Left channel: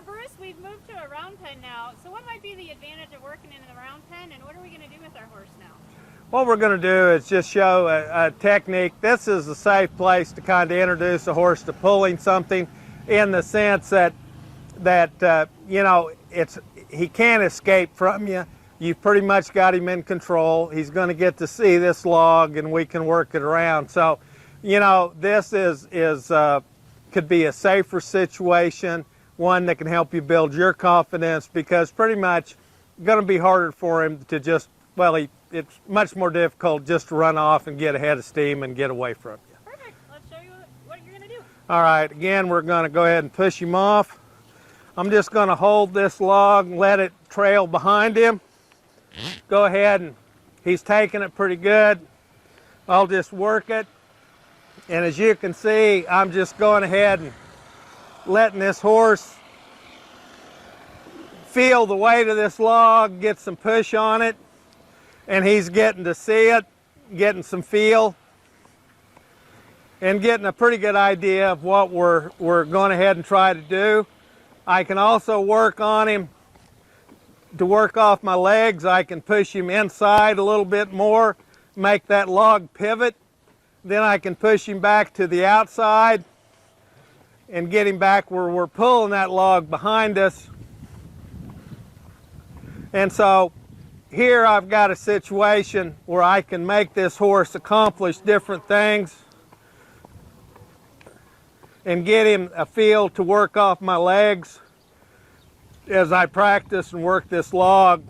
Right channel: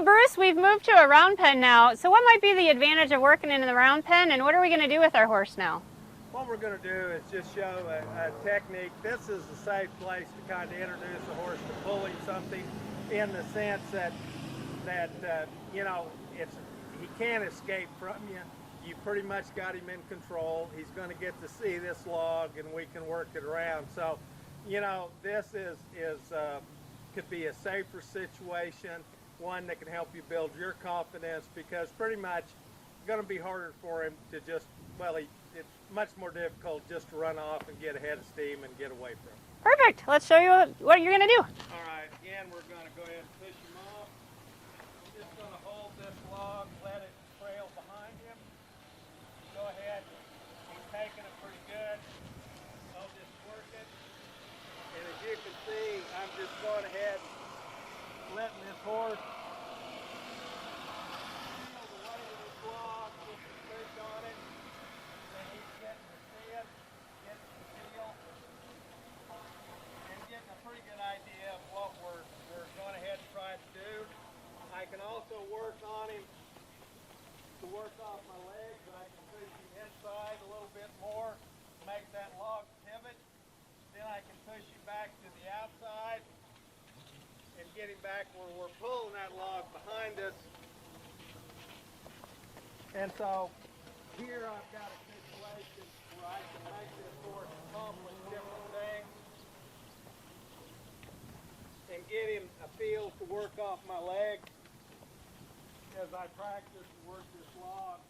So Bruce, we've moved to a round pen now. So what might be the advantage of working in the round pen, and what are we going to do with our horse now? What we're going to do is just show a technique. This is a safe place to kind of introduce a horse to pulling something, in the sense that you know, he can't escape from you. You've pretty much got him in control. He's going to get to see this log, and we can work it around. So, you know, this could be a safer situation, one that can help you build your confidence, because pretty much going to be harder for him to just, well, it's much more difficult just to run off and get ahead of steam and get away from you. Perfect. Let's show you what you're going to do. All right, again, we're going to go ahead and push him off. I'm just going to hold this log and let it trail behind him. Go ahead, and he's taking it pretty good. I'll just work it. And as you can see, I'm just going ahead and letting this horse feel the weight of this log, get some push on it, and he's getting to see it, getting some feel, and getting a pretty good idea of what we're going ahead and try to do. I can also work on him to work off my legs. I can push him inside a little bit more, make that log pivot. Then I can push him back to the outside and get him back where we're pulling that log behind us. And so here I've got a situation where I can make this horse accomplish different things and get him a feel to work off my legs as I practice and work this log.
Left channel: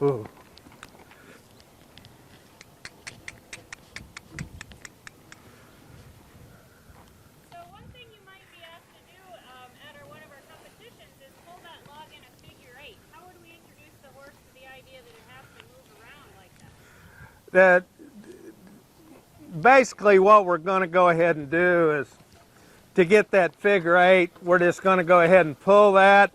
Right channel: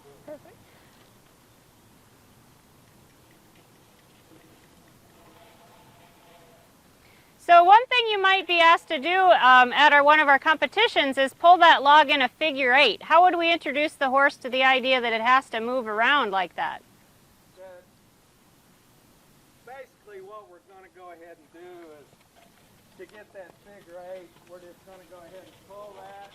Ooh. So one thing you might be asked to do at one of our competitions is pull that log in a figure 8. How would we introduce the horse to the idea that it has to move around like that? Basically what we're going to go ahead and do is, to get that figure 8, we're just going to go ahead and pull that.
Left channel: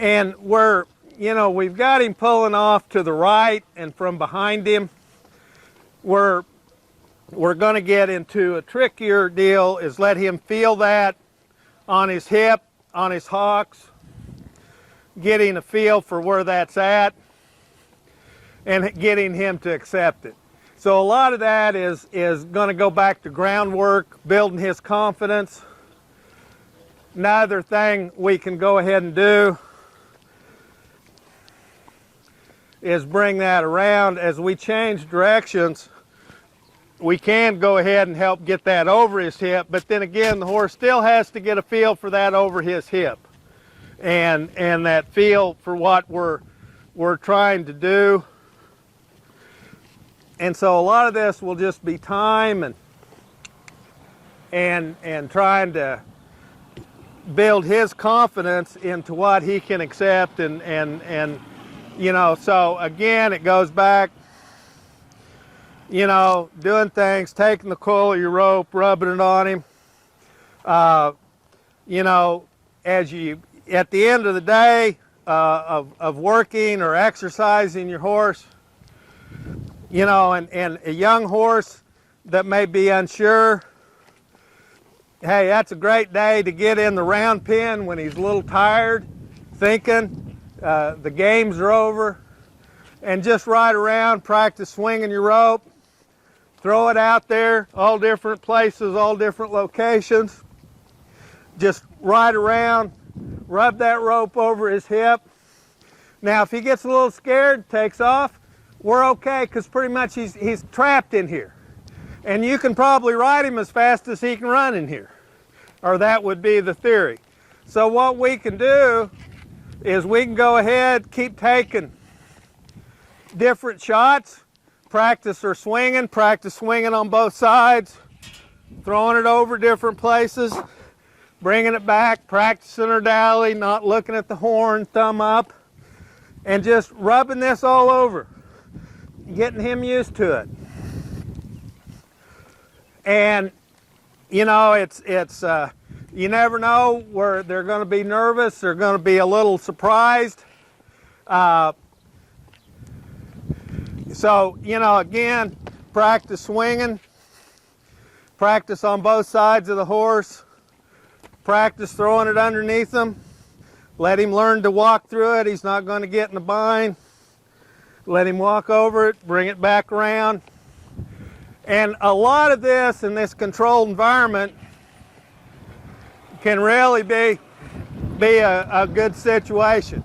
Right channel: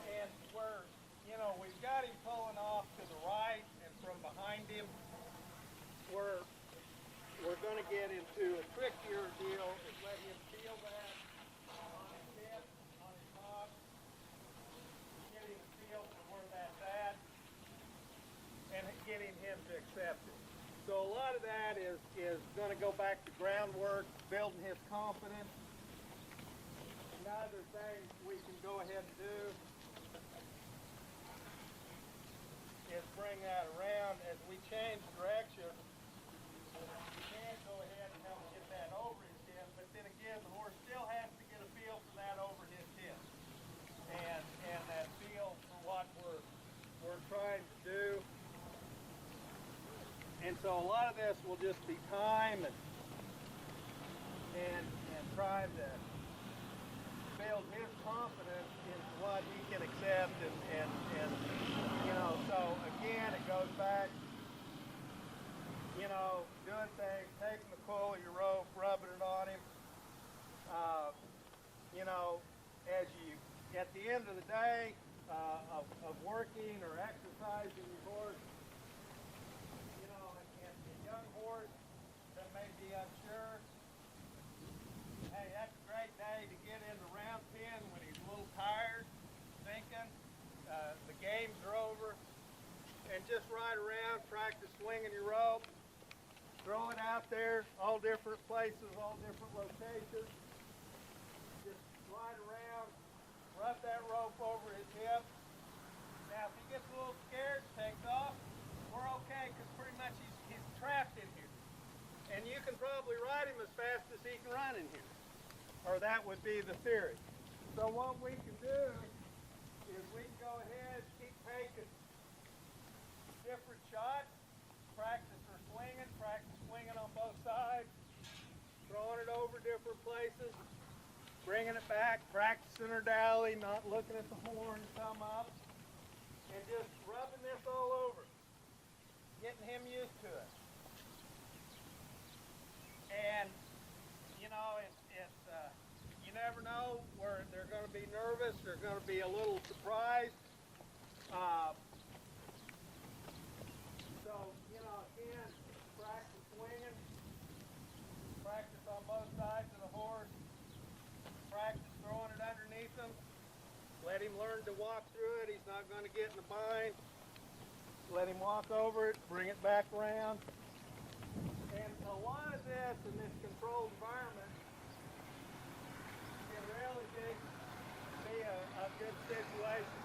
And we've got him pulling off to the right, and from behind him, we're going to get into a trickier deal, is let him feel that on his hip, on his hocks, getting a feel for where that's at, and getting him to accept it. So a lot of that is going to go back to groundwork, building his confidence. Another thing we can go ahead and do is bring that around. As we change directions, we can go ahead and help get that over his hip, but then again, the horse still has to get a feel for that over his hip, and that feel for what we're trying to do. And so a lot of this will just be time and trying to build his confidence into what he can accept, and so again, it goes back, doing things, taking the coil of your rope, rubbing it on him. At the end of the day of working or exercising your horse, and a young horse that may be unsure, hey, that's a great day to get in the round pen when he's a little tired, thinking the games are over, and just ride around, practice swinging your rope, throw it out there, all different places, all different locations. Just ride around, rub that rope over his hip. Now, if he gets a little scared, takes off, we're okay, because pretty much he's trapped in here. And you can probably ride him as fast as he can run in here, or that would be the theory. So what we can do is we can go ahead, keep taking different shots, practice swinging on both sides, throwing it over different places, bringing it back, practicing her dally, not looking at the horn, thumb up, and just rubbing this all over, getting him used to it. And you never know where they're going to be nervous, they're going to be a little surprised. So, you know, again, practice swinging, practice on both sides of the horse, practice throwing it underneath him, let him learn to walk through it. He's not going to get in a bind. Let him walk over it, bring it back around. And a lot of this in this controlled environment can really be a good situation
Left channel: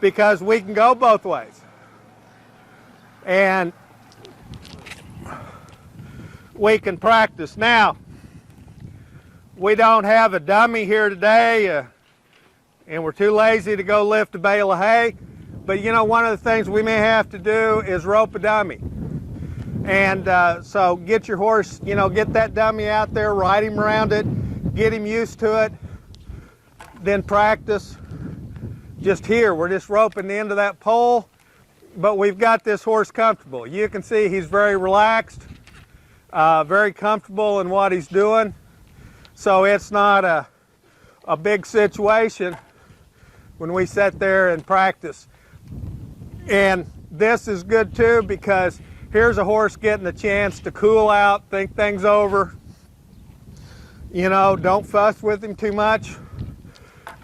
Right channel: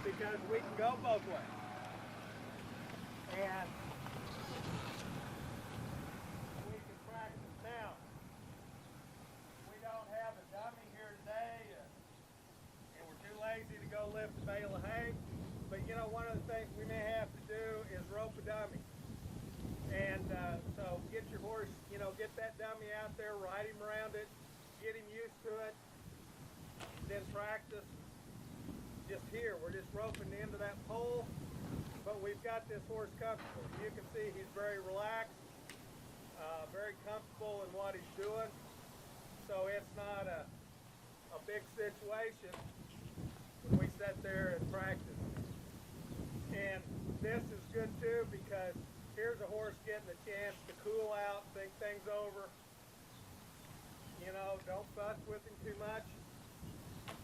because we can go both ways. And we can practice. Now, we don't have a dummy here today, and we're too lazy to go lift a bale of hay. But you know, one of the things we may have to do is rope a dummy. And so get your horse, you know, get that dummy out there, ride him around it, get him used to it, then practice. Just here, we're just roping the end of that pole, but we've got this horse comfortable. You can see he's very relaxed, very comfortable in what he's doing. So it's not a big situation when we sit there and practice. And this is good too because here's a horse getting a chance to cool out, think things over. You know, don't fuss with him too much.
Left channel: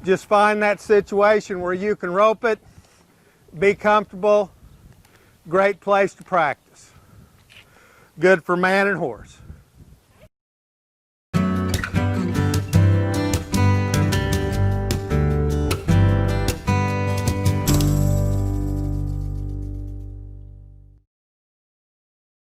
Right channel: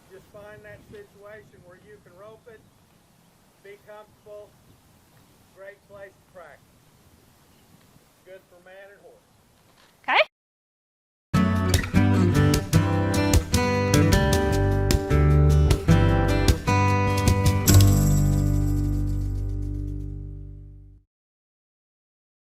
Just find that situation where you can rope it, be comfortable. Great place to practice. Good for man and horse.